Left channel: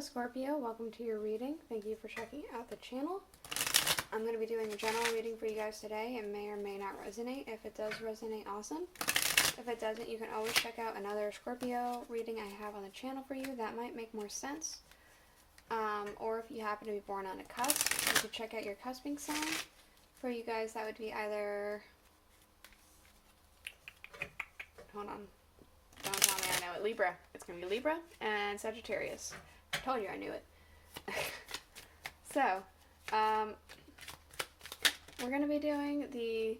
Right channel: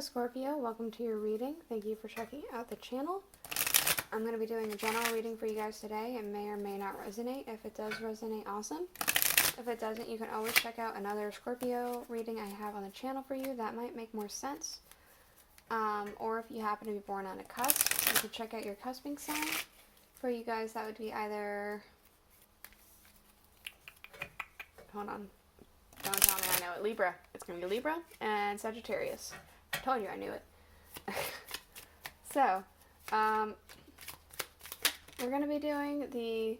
Hello Scorpio, welcome to your reading. Thank you for checking out the channel. I'm going to be doing a general reading for you guys today. It may or may not resonate. If it does resonate, awesome. If it doesn't, you can always check out another Scorpio reading I have on the channel for you. That might make more sense. Or if you happen to be born on a cusp, you can check out your cusping sign. For you guys, that would be either... Hold on. Don't tell me I know it. Libra. It's going to be Libra and Sagittarius. I told you I knew it. So, we're going to be doing the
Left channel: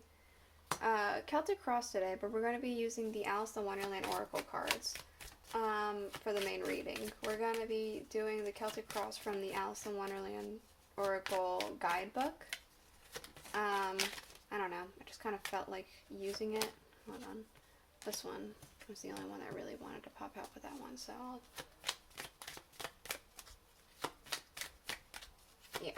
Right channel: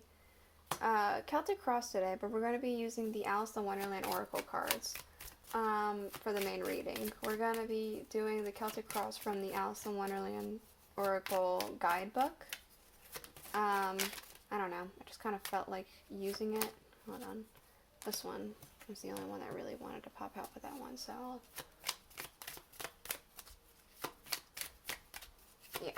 Celtic Cross today, but we're going to be using the Aleister Wonderland Oracle cards for the main reading. We're going to be doing the Celtic Cross from the Aleister Wonderland Oracle guidebook. I don't know. I just kind of felt like using it. Hold on. This one was the only one that really wanted to pop out with that one, so yeah.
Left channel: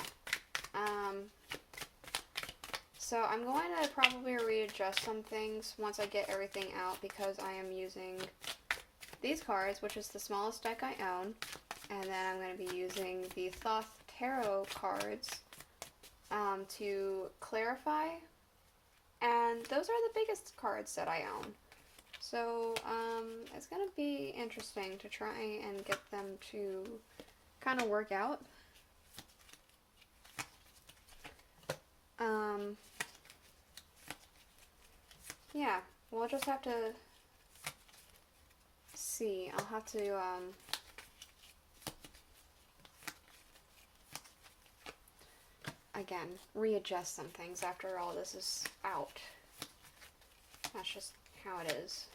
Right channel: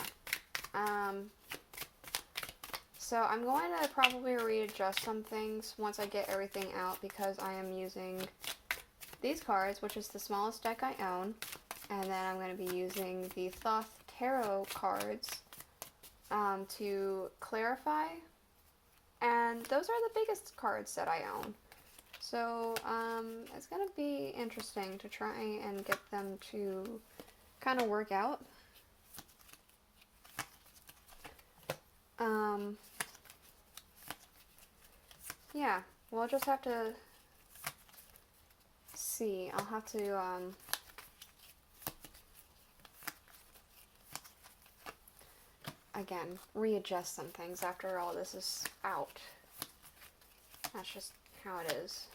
So I'm going to probably readjust some things once I get everything out, because I am using these cards, which is the smallest deck I own, and then I'm going to be using the Thoth Tarot cards to clarify, and those are the biggest cards that I own. So, it's going to be interesting to try and get them to kind of work out. Yeah, we'll just have to see. I'll have to, again, readjust some things after all this is out. That's just how it is.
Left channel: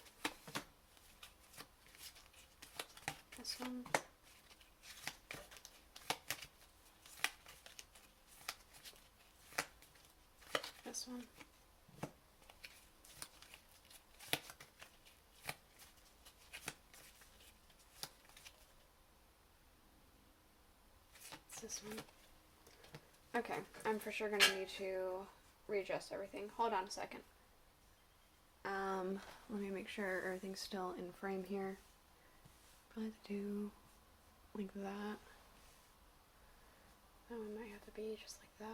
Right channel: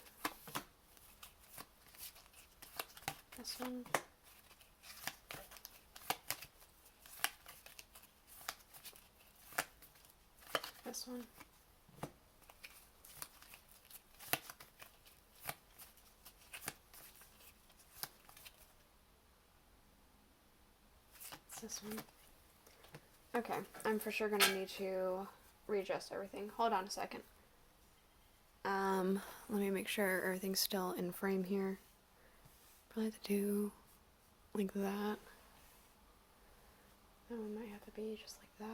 This one. This one. It's this one. Okay, I'm for sure gonna need to readjust everything. Hold on a second. Let me make sure everything's still in frame here. Probably have to do like that. That one might have to be just like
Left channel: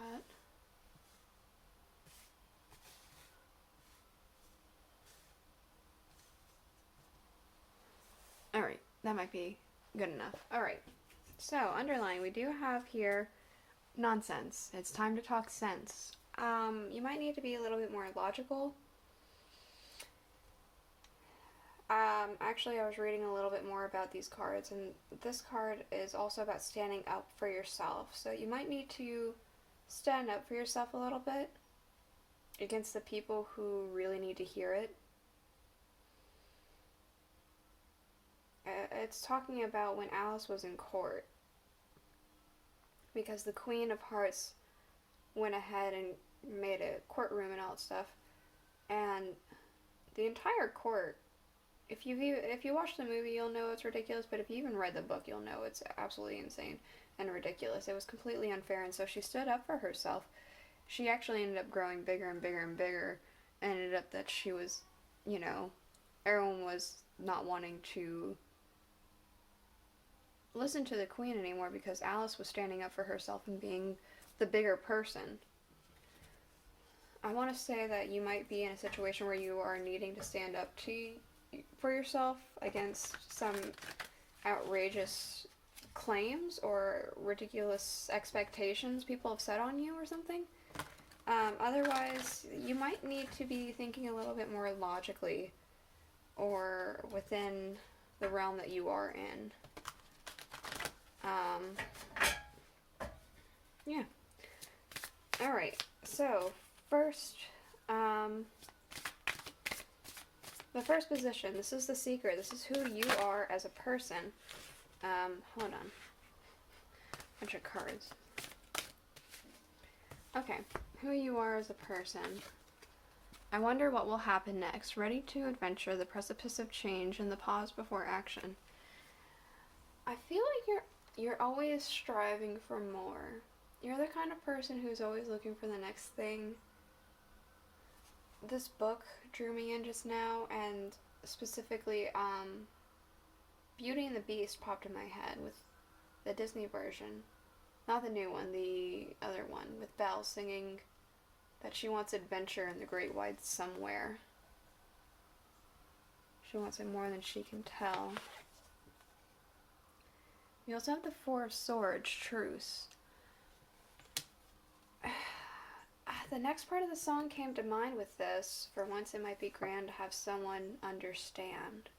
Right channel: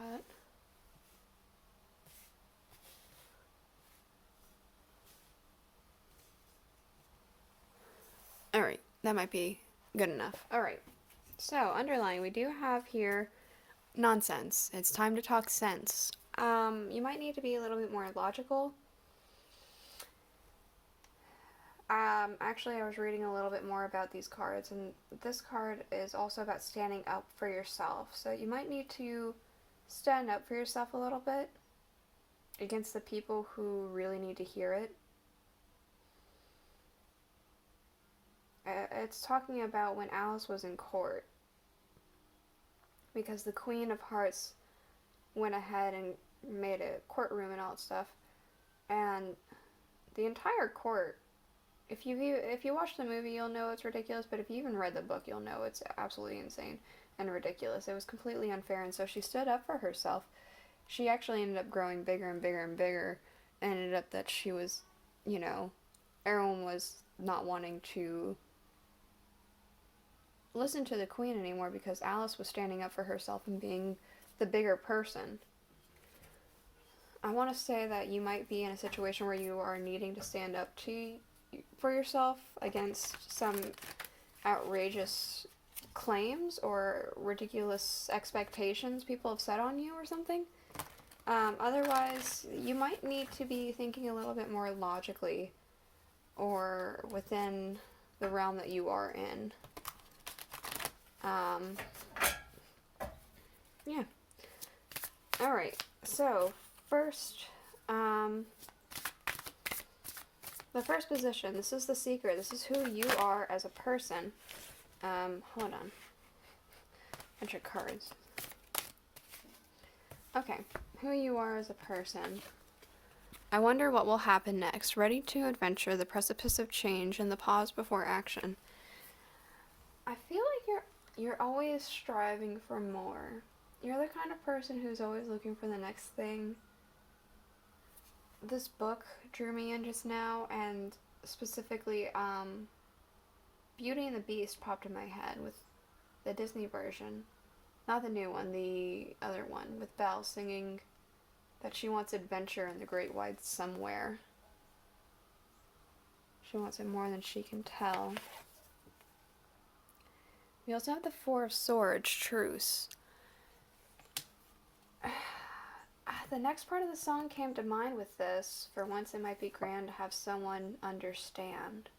that. Alright, that might be good enough. Alright, so underlying, we do have here nonsense. It's time to talk sense. You might need to be a little bit more logical. Actually, I was reading a little bit more about these cards, and this card is also about standing up for yourself. So you might need to stand up for yourself a little bit against the people who really need to hear it. It's talking about when Alice was in court, because the Queen of Hearts went ahead and made a courtroom and all that stuff, and the entire court, if you watch the movie, you'll know it's ridiculous, but if you even read the book, you'll know it's absolutely insane and ridiculous. It was completely unfair, and so she stood up for herself. She actually ended up growing bigger and bigger and bigger, and ended up that she was, you know, everyone was not wanting to listen to the Queen anymore because Alice was standing up for herself and being the bigger person. I want to say that you might be in a situation where you are needing to stand up for yourself against some outrageous claims or ridiculous expectations people have set on you or something. Otherwise, you might need to be thinking a little bit more logically or within the realm that you are in. Yeah. Alright, so first, the first position, this is the secret. This is who you are as a person. Hold on. Bunch of cards. Okay, who you are as a person. I wonder what will happen next. Ready to adventure, the precipice of change, and the pause before action. I feel like you're always striving for more. You're the kind of person who's always looking for the next thing. This book drew me in just now, and specifically, Beauty and the Beast popped in my head with the Disney version. Not the new one, the other one, with Belle singing that she wants adventure in the great wide somewhere. She wants it more than she can tell. We also have the Four of Swords, Truce. The next part of the song came to mind with this. For once it might be grand to have someone understand.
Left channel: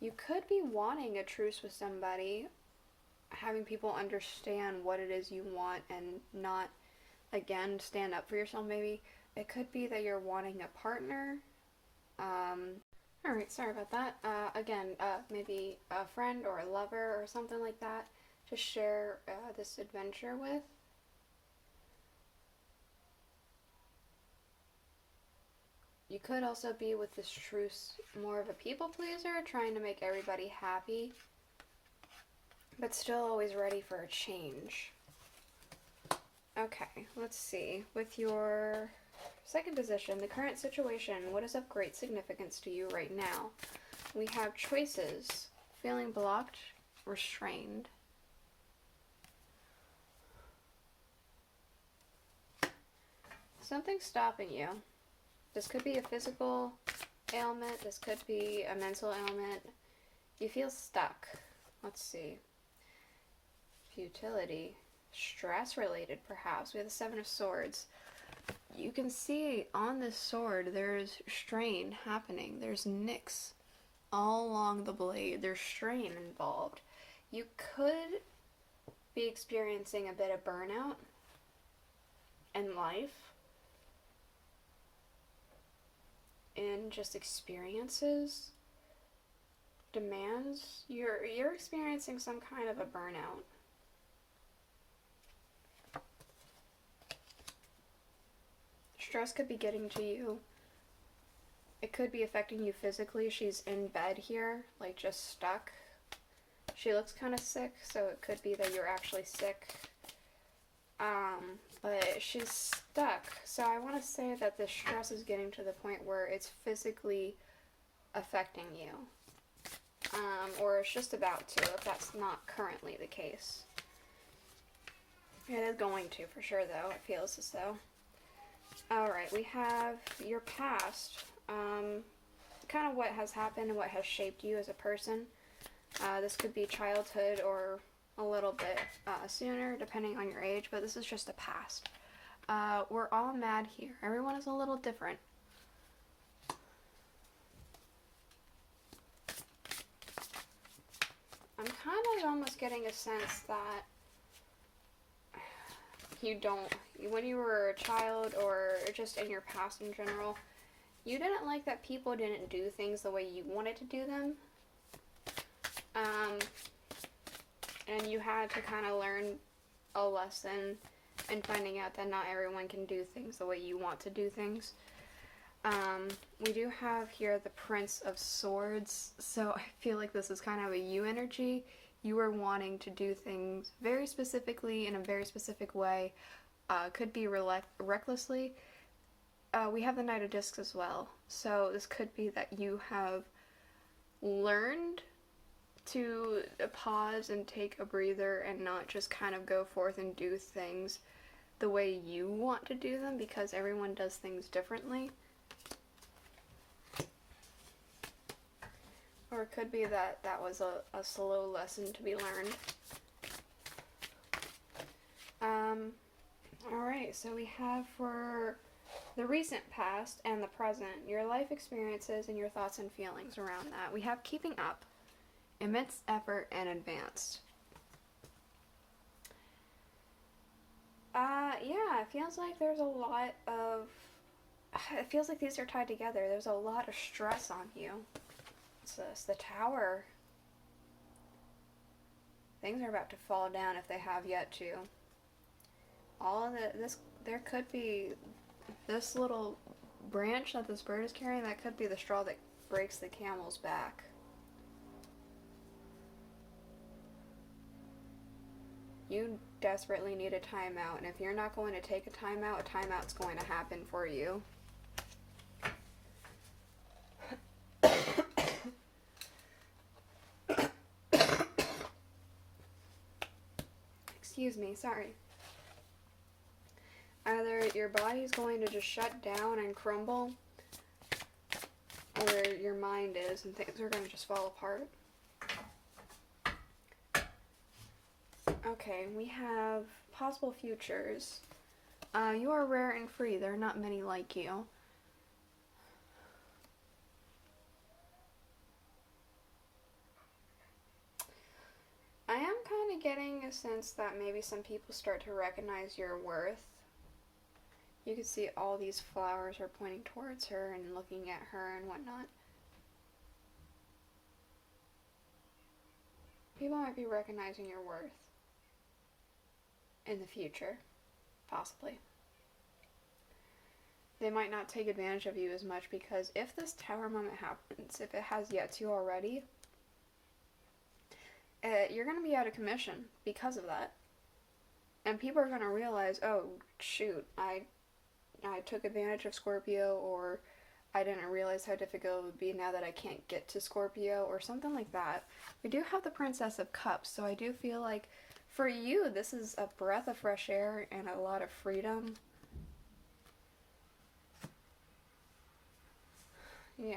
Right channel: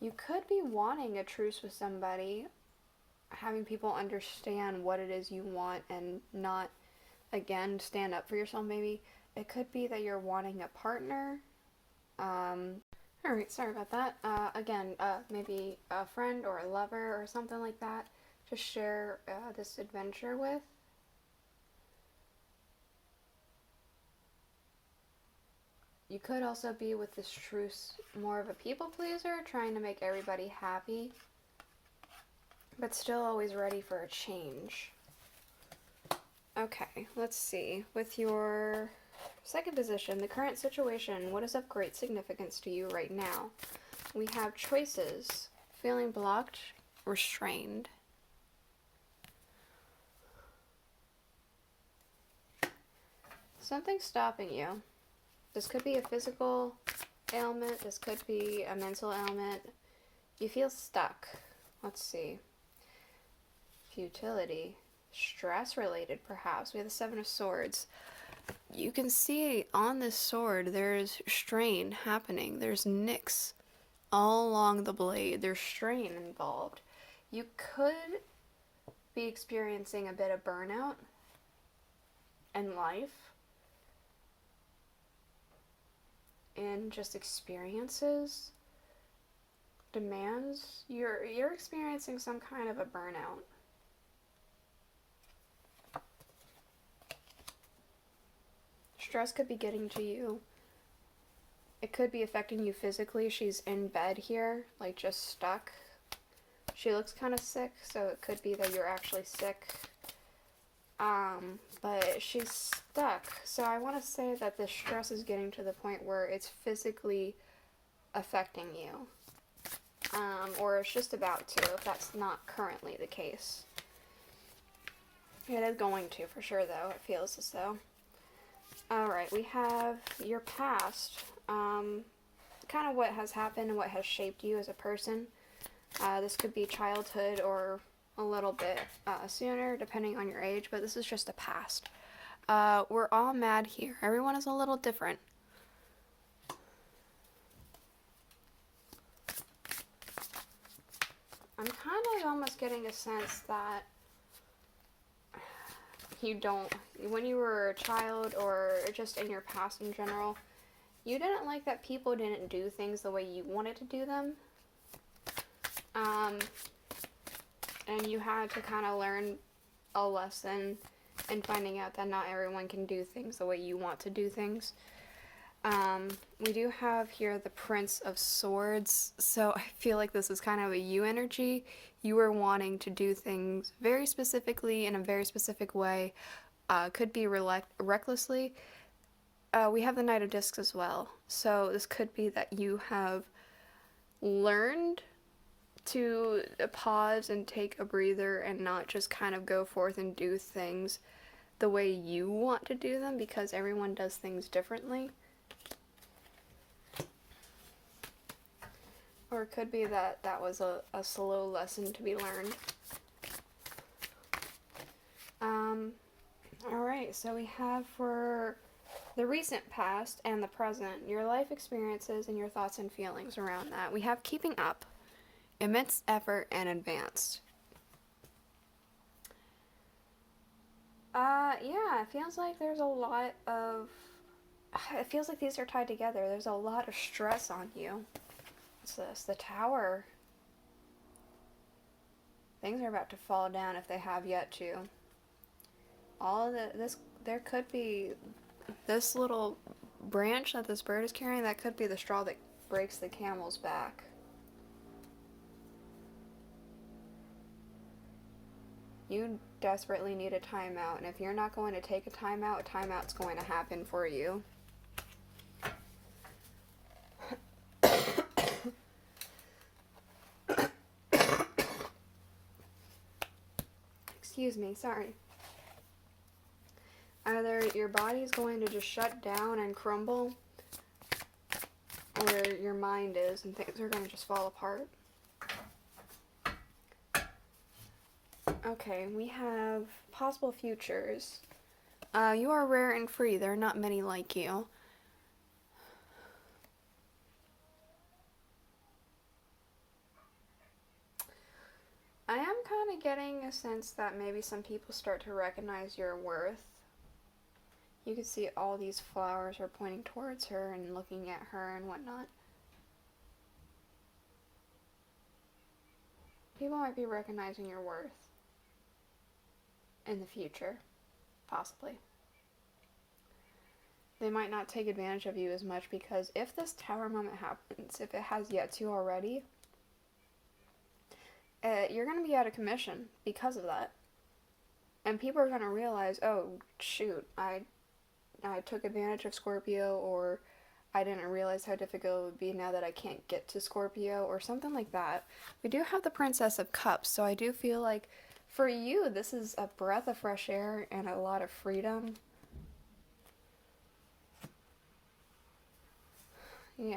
You could be wanting a truce with somebody, having people understand what it is you want and not, again, stand up for yourself maybe. It could be that you're wanting a partner. Alright, sorry about that. Again, maybe a friend or a lover or something like that to share this adventure with. You could also be with this truce more of a people pleaser, trying to make everybody happy, but still always ready for a change. Okay, let's see. With your second position, the current situation, what is of great significance to you right now? We have choices, feeling blocked, restrained. Something's stopping you. This could be a physical ailment, this could be a mental ailment. You feel stuck. Let's see. Futility. Stress related, perhaps. We have the Seven of Swords. You can see on this sword there's strain happening. There's nicks all along the blade. There's strain involved. You could be experiencing a bit of burnout in life, in just experiences, demands. You're experiencing some kind of a burnout. Stress could be getting to you. It could be affecting you physically. She's in bed here, like just stuck. She looks kind of sick, so it could be that you're actually sick. But she's stuck. So I want to say that the stress is getting to the point where it's physically affecting you. Or it's just about to, if that's not currently the case. It is going to, for sure, though. It feels as though. Alright, we have your past, kind of what has happened and what has shaped you as a person. This could be childhood or a little bit sooner, depending on your age, but this is just a past. We're all mad here. Everyone is a little different. I'm kind of almost getting a sense that you don't, when you were a child or just in your past in general, you didn't like that people didn't do things the way you wanted to do them. And you had to kind of learn a lesson in finding out that not everyone can do things the way you want to do things. We do have here the Prince of Swords, so I feel like this is kind of a you energy. You were wanting to do things very specifically in a very specific way, could be recklessly. We have the Knight of Discs as well, so this could be that you have learned to pause and take a breather and not just kind of go forth and do things the way you want to do them, because everyone does things differently. Or it could be that that was a slow lesson to be learned. Alright, so we have for the recent past and the present, your life experiences and your thoughts and feelings around that. We have keeping up, immense effort, and advanced. Yeah, it feels like there's a lot of, it feels like these are tied together. There's a lot of stress on you. What's this? The Tower. Things are about to fall down if they have yet to. All of this, there could be this little branch that this bird is carrying, that could be the straw that breaks the camel's back. You desperately need a timeout, and if you're not going to take a timeout's going to happen for you. Excuse me, sorry. Either your body's going to just shut down and crumble, or your mind is, and things are going to just fall apart. Okay, we have possible futures. You are rare and free. There are not many like you. I am kind of getting a sense that maybe some people start to recognize your worth. You can see all these flowers are pointing towards her and looking at her and whatnot. People might be recognizing your worth in the future, possibly. They might not take advantage of you as much because if this tower moment happens, if it has yet to already, you're going to be out of commission because of that. And people are going to realize, oh, shoot, I took advantage of Scorpio, or I didn't realize how difficult it would be now that I can't get to Scorpio, or something like that. We do have the Princess of Cups, so I do feel like for you, this is a breath of fresh air and a lot of freedom. Yeah.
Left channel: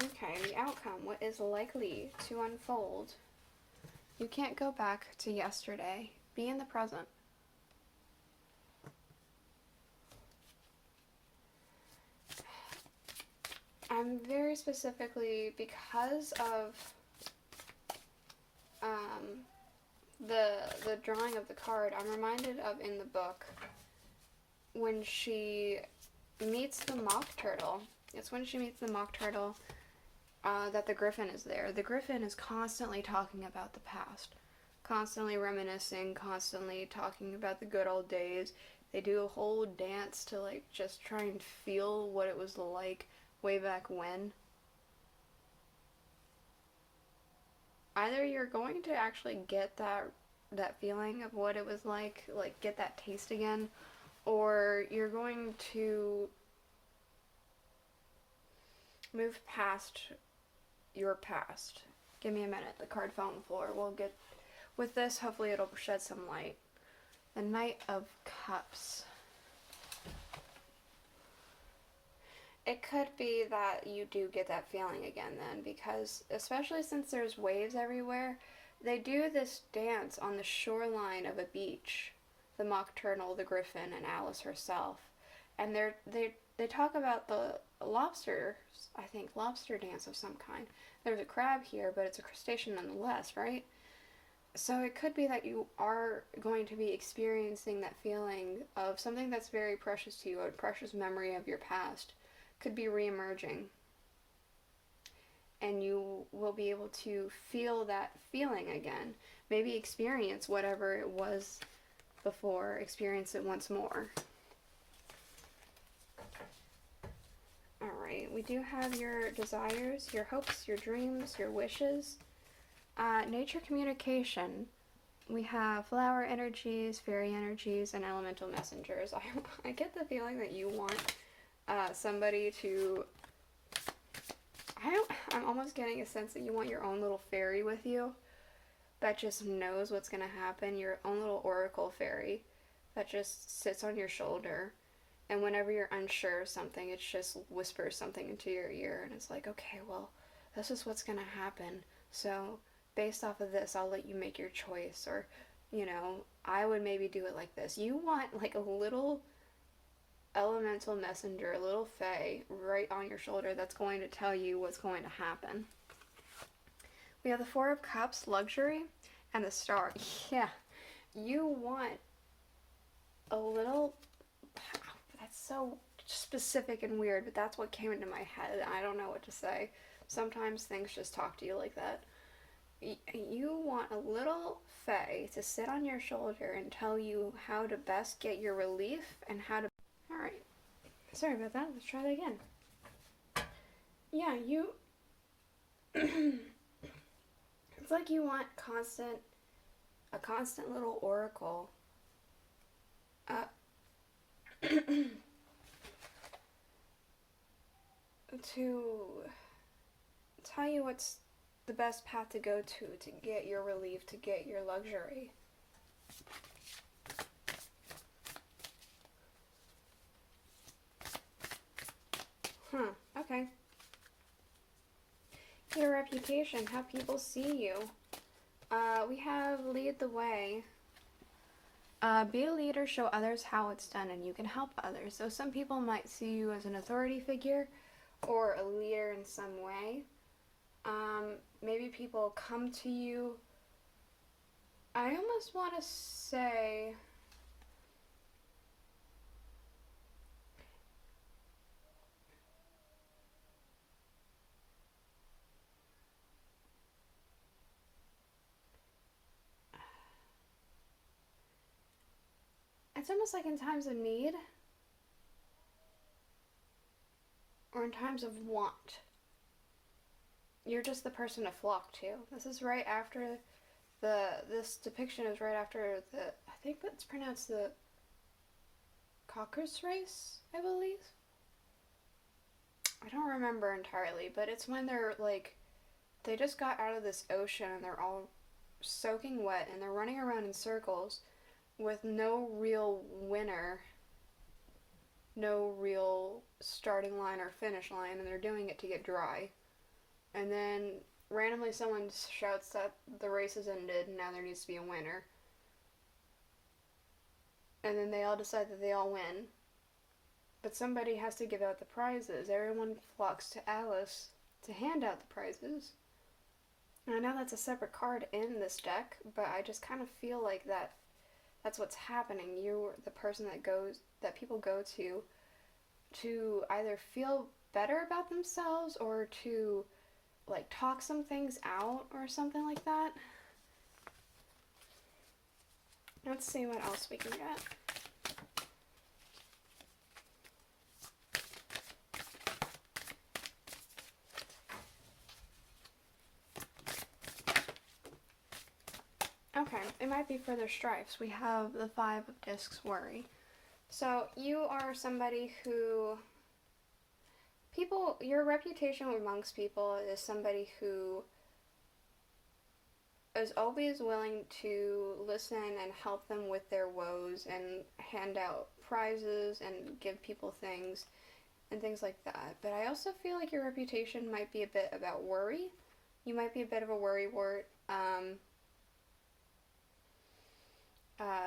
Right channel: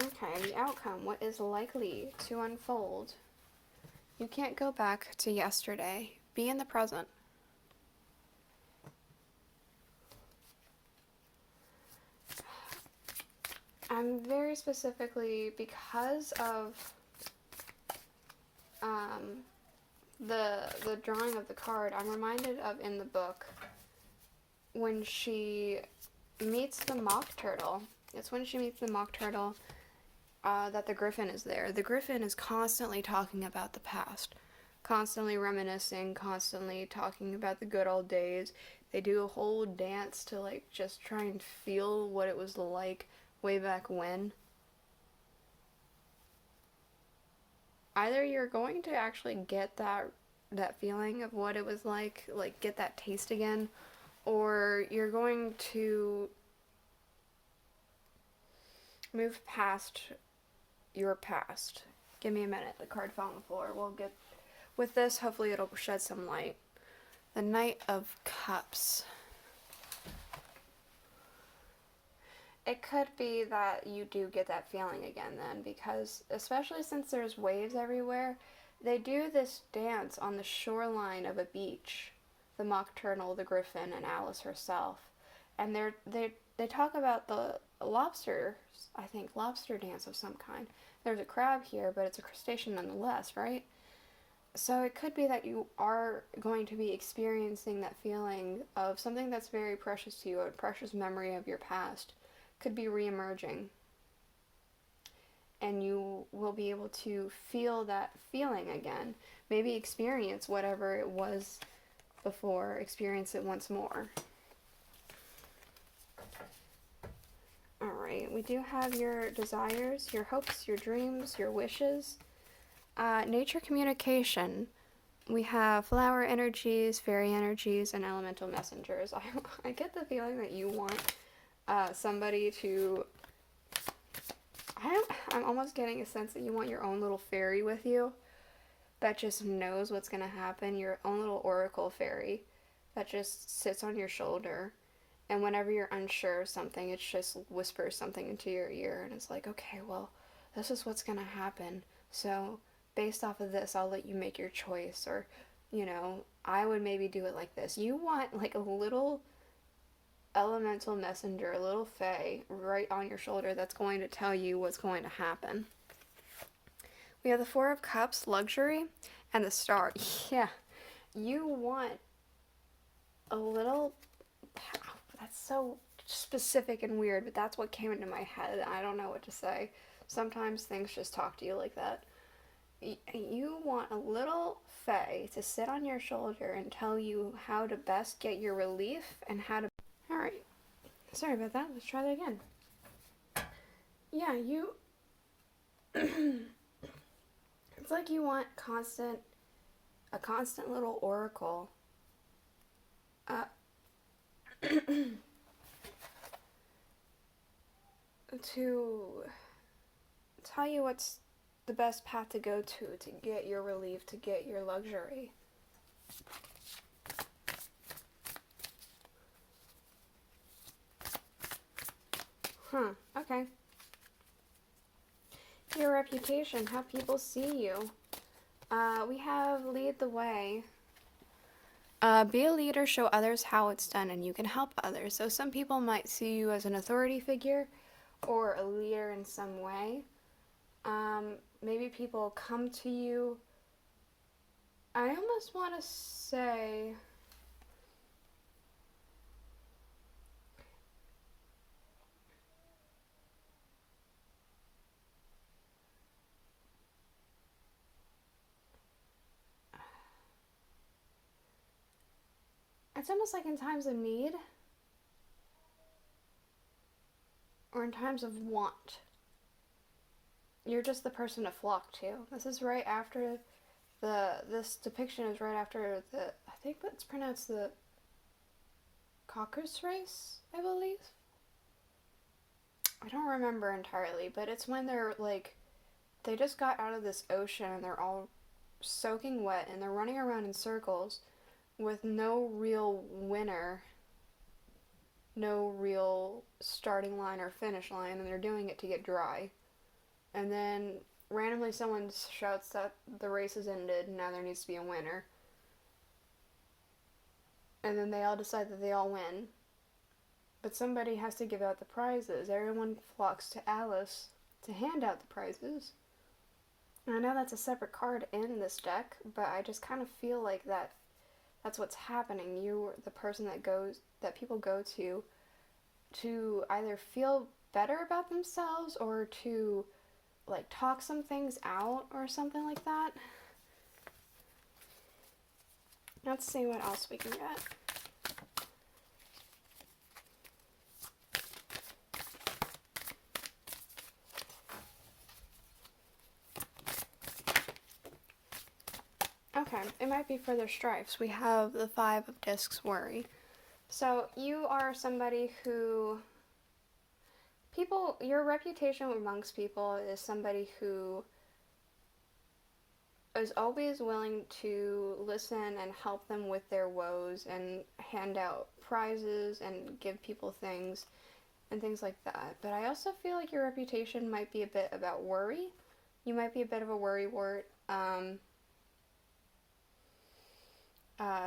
Okay, the outcome. What is likely to unfold? You can't go back to yesterday. Be in the present. I'm very specifically, because of the drawing of the card, I'm reminded of in the book when she meets the mock turtle. It's when she meets the mock turtle that the griffin is there. The griffin is constantly talking about the past, constantly reminiscing, constantly talking about the good old days. They do a whole dance to like just try and feel what it was like way back when. Either you're going to actually get that feeling of what it was like get that taste again, or you're going to move past your past. Give me a minute. The card fell on the floor. We'll get with this. Hopefully it'll shed some light. The Knight of Cups. It could be that you do get that feeling again then, because especially since there's waves everywhere, they do this dance on the shoreline of a beach. The mock turtle, the griffin, and Alice herself. And they talk about the lobsters, I think, lobster dance of some kind. There's a crab here, but it's a crustacean nonetheless, right? So it could be that you are going to be experiencing that feeling of something that's very precious to you, a precious memory of your past, could be re-emerging. And you will be able to feel that feeling again. Maybe experience whatever it was before, experience it once more. Alright, we do have your desires, your hopes, your dreams, your wishes. Nature communication. We have flower energies, fairy energies, and elemental messengers. I get the feeling that you want somebody to... I'm almost getting a sense that you want your own little fairy with you that just knows what's going to happen. Your own little oracle fairy that just sits on your shoulder. And whenever you're unsure of something, it just whispers something into your ear. And it's like, okay, well, this is what's going to happen. So based off of this, I'll let you make your choice. Or, you know, I would maybe do it like this. You want like a little elemental messenger, a little fae right on your shoulder that's going to tell you what's going to happen. We have the Four of Cups, luxury, and the Star. Yeah, you want a little... That's so specific and weird, but that's what came into my head, and I don't know what to say. Sometimes things just talk to you like that. You want a little fae to sit on your shoulder and tell you how to best get your relief and how to... Alright, sorry about that, let's try that again. Yeah, you... It's like you want a constant little oracle. To tell you what's the best path to go to get your relief, to get your luxury. Okay. Your reputation, how people see you. We have lead the way. Be a leader, show others how it's done, and you can help others. So some people might see you as an authority figure or a leader in some way. Maybe people come to you. I almost want to say... It's almost like in times of need or in times of want. You're just the person to flock to. This is right after this depiction is right after I think it's pronounced the Caucasus race, I believe. I don't remember entirely, but it's when they're like, they just got out of this ocean and they're all soaking wet and they're running around in circles with no real winner, no real starting line or finish line, and they're doing it to get dry. And then randomly someone shouts that the race has ended and now there needs to be a winner. And then they all decide that they all win. But somebody has to give out the prizes. Everyone flocks to Alice to hand out the prizes. And I know that's a separate card in this deck, but I just kind of feel like that's what's happening. You're the person that people go to either feel better about themselves or to like talk some things out or something like that. Let's see what else we can get. Okay, it might be further strifes. We have the 5 of discs worry. So you are somebody who your reputation amongst people is somebody who is always willing to listen and help them with their woes and hand out prizes and give people things and things like that. But I also feel like your reputation might be a bit about worry. You might be a bit of a worrywart.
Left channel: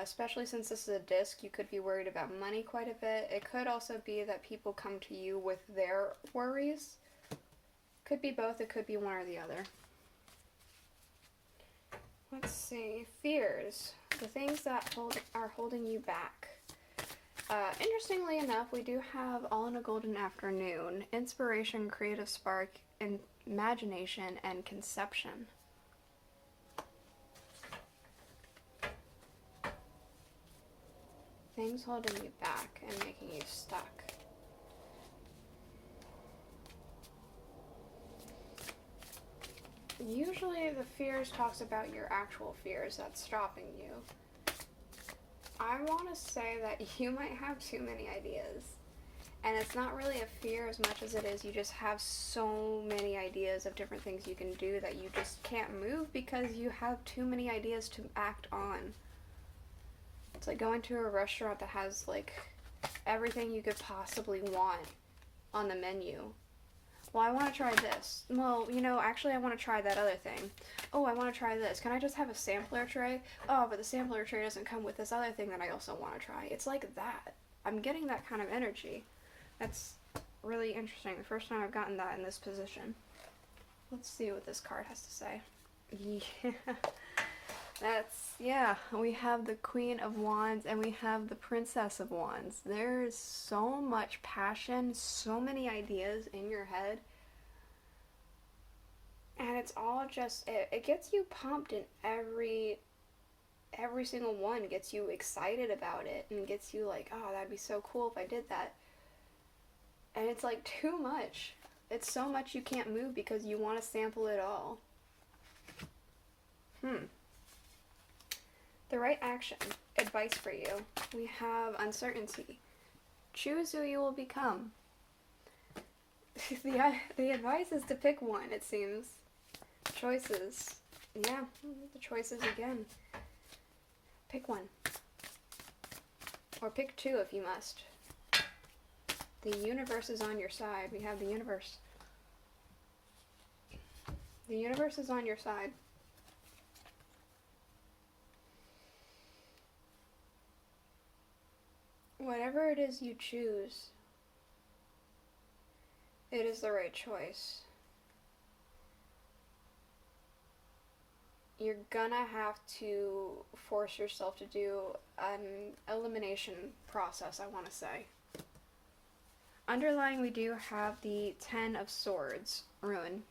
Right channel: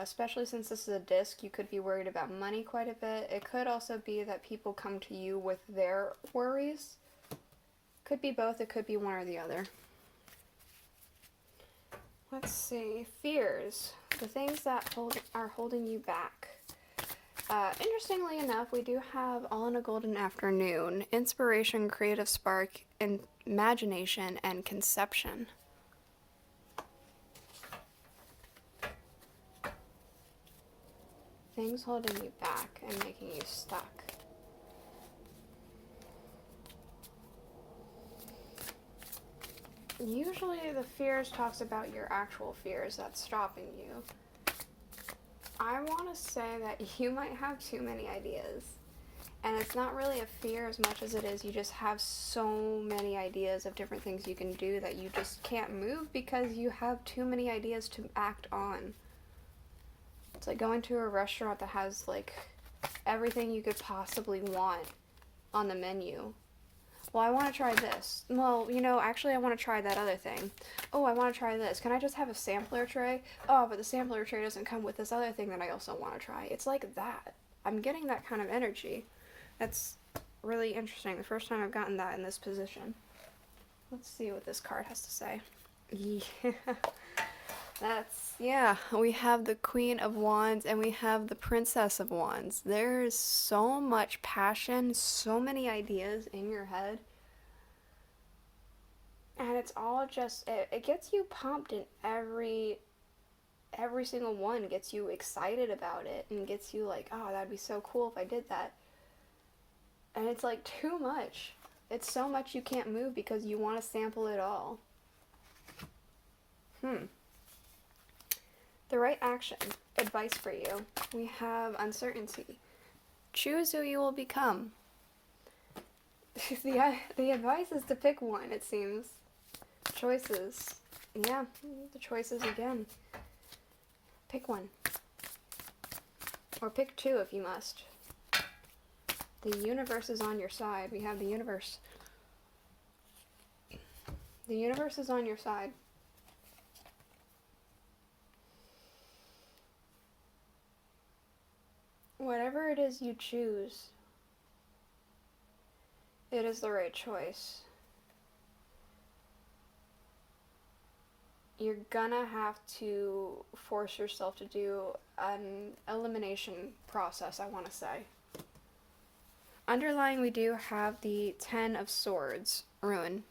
Especially since this is a disc, you could be worried about money quite a bit. It could also be that people come to you with their worries. Could be both, it could be one or the other. Let's see. Fears. The things that are holding you back. Interestingly enough, we do have All in a Golden Afternoon. Inspiration, creative spark, and imagination, and conception. Things holding you back and making you stuck. Usually the fears talks about your actual fears that's stopping you. I want to say that you might have too many ideas. And it's not really a fear as much as it is you just have so many ideas of different things you can do that you just can't move because you have too many ideas to act on. It's like going to a restaurant that has like everything you could possibly want on the menu. Well, I want to try this. Well, actually I want to try that other thing. Oh, I want to try this. Can I just have a sampler tray? Oh, but the sampler tray doesn't come with this other thing that I also want to try. It's like that. I'm getting that kind of energy. That's really interesting. The first time I've gotten that in this position. Let's see what this card has to say. Yeah. We have the Queen of Wands and we have the Princess of Wands. There is so much passion, so many ideas in your head. And it's all just, it gets you pumped in every single one. Gets you excited about it and gets you like, oh, that'd be so cool if I did that. And it's like too much. It's so much you can't move because you want to sample it all. The right action. Advice for you. We have uncertainty. Choose who you will become. The advice is to pick one, it seems. choices. Yeah, the choices again. Pick one. Or pick two if you must. The universe is on your side. We have the universe. The universe is on your side. Whatever it is you choose, it is the right choice. You're gonna have to force yourself to do an elimination process, I want to say. Underlying, we do have the Ten of Swords, Ruin.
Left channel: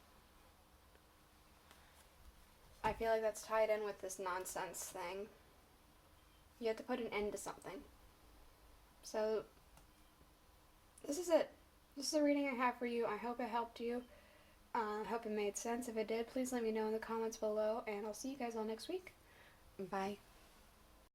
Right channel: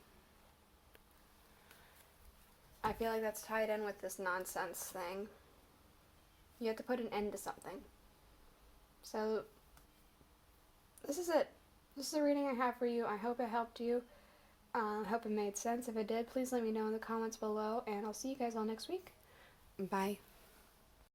I feel like that's tied in with this nonsense thing. You have to put an end to something. So, this is it. This is the reading I have for you. I hope it helped you. I hope it made sense. If it did, please let me know in the comments below, and I'll see you guys all next week. Bye.